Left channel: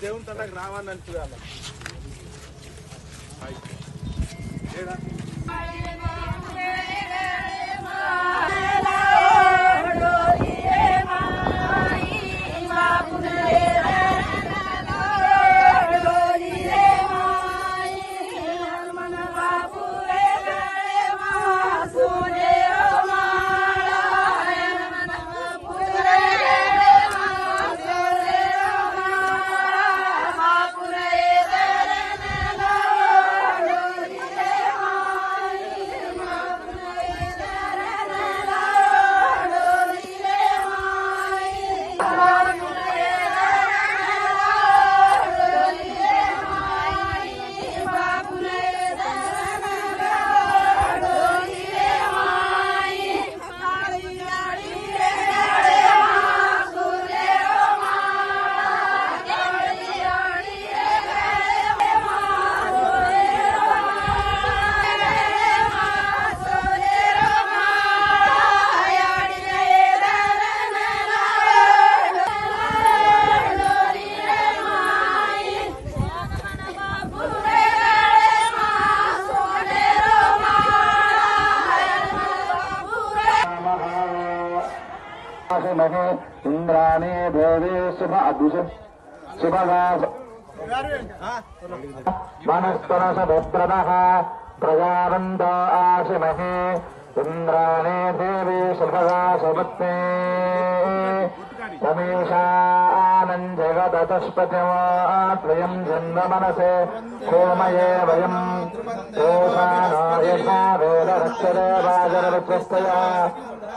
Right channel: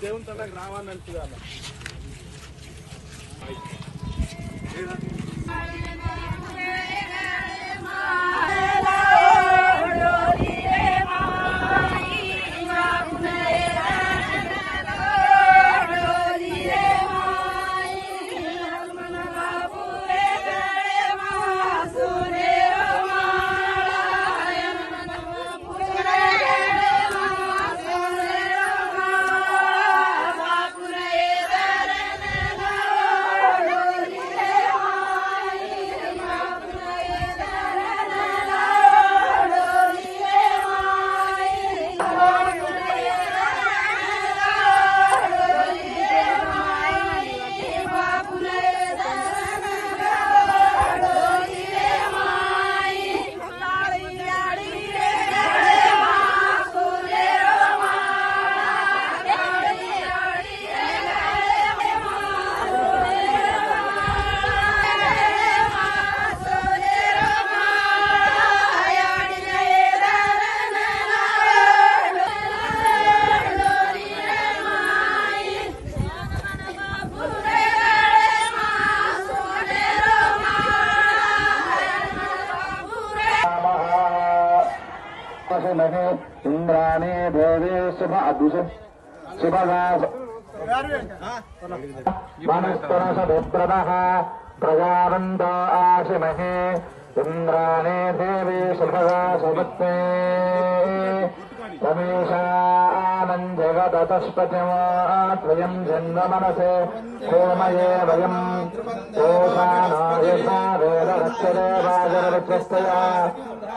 దేవుని తనకు రావాలని చూడాలి నహు ఇంద్రాణే దేవే శుభ అభిష శుభగా వనస్పనసభద్రద ప్రజావంతో ఆశిమహే. ఇంద్రాణే దేవే శుభగా సుమత్తే రమేశానంజగతస్పతిమాత్వయం జన్మ మనసే. హోమయే వయం. ఓషానో యథా వేద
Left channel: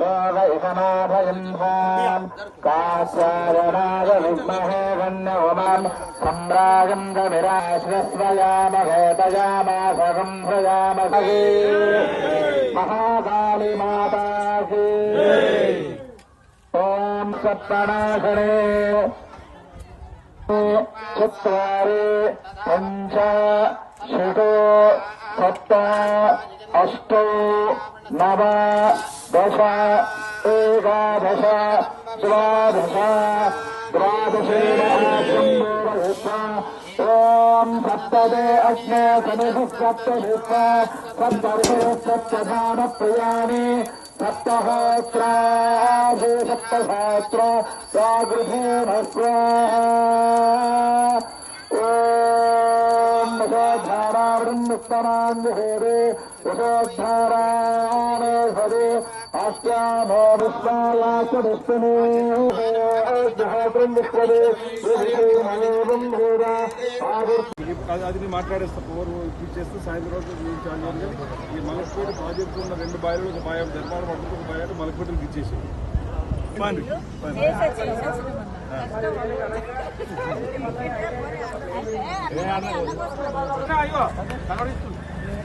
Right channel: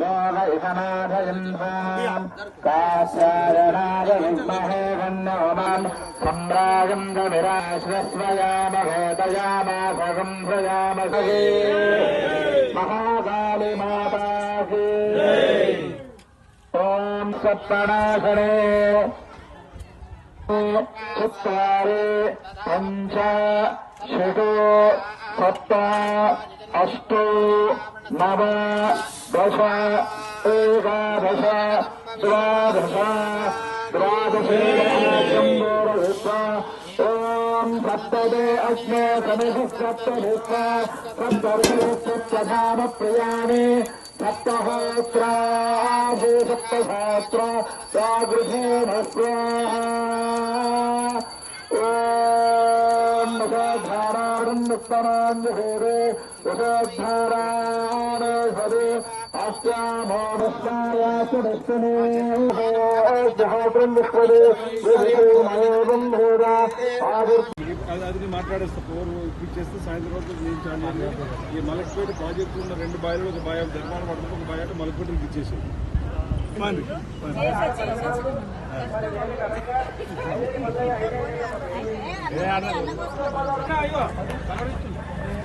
लोकैकनाथयन्हाम् काश्यायणाय विद्महे वन्न उमाम् सम्रागन्दनिराश्वस्वयामघोतयामासम्भयामसहे महाकाली माता ॐ सप्तनाशने चत्वारि पञ्च षट् सप्त अष्ट नव दश एकादश द्वादश द्वादश सप्तदे अश्मे समेधु सप्तभूत सप्तर्षे सप्तधाम प्रियाणि सप्तहोत्राजो सप्तधात्र प्रागृहे भस्व అది మాట్లాడేస్తా పోరు ఇప్పుడు చేస్తే సాయంత్రం ఈ మలసూరు ప్రాజెక్టు ఉన్న రెండు బాయలు ఒక బాయ్ నిర్మాణ పడుతుంది ఒక బాయ్ మలకపేటకి ఇచ్చేసి పండి అయ్యో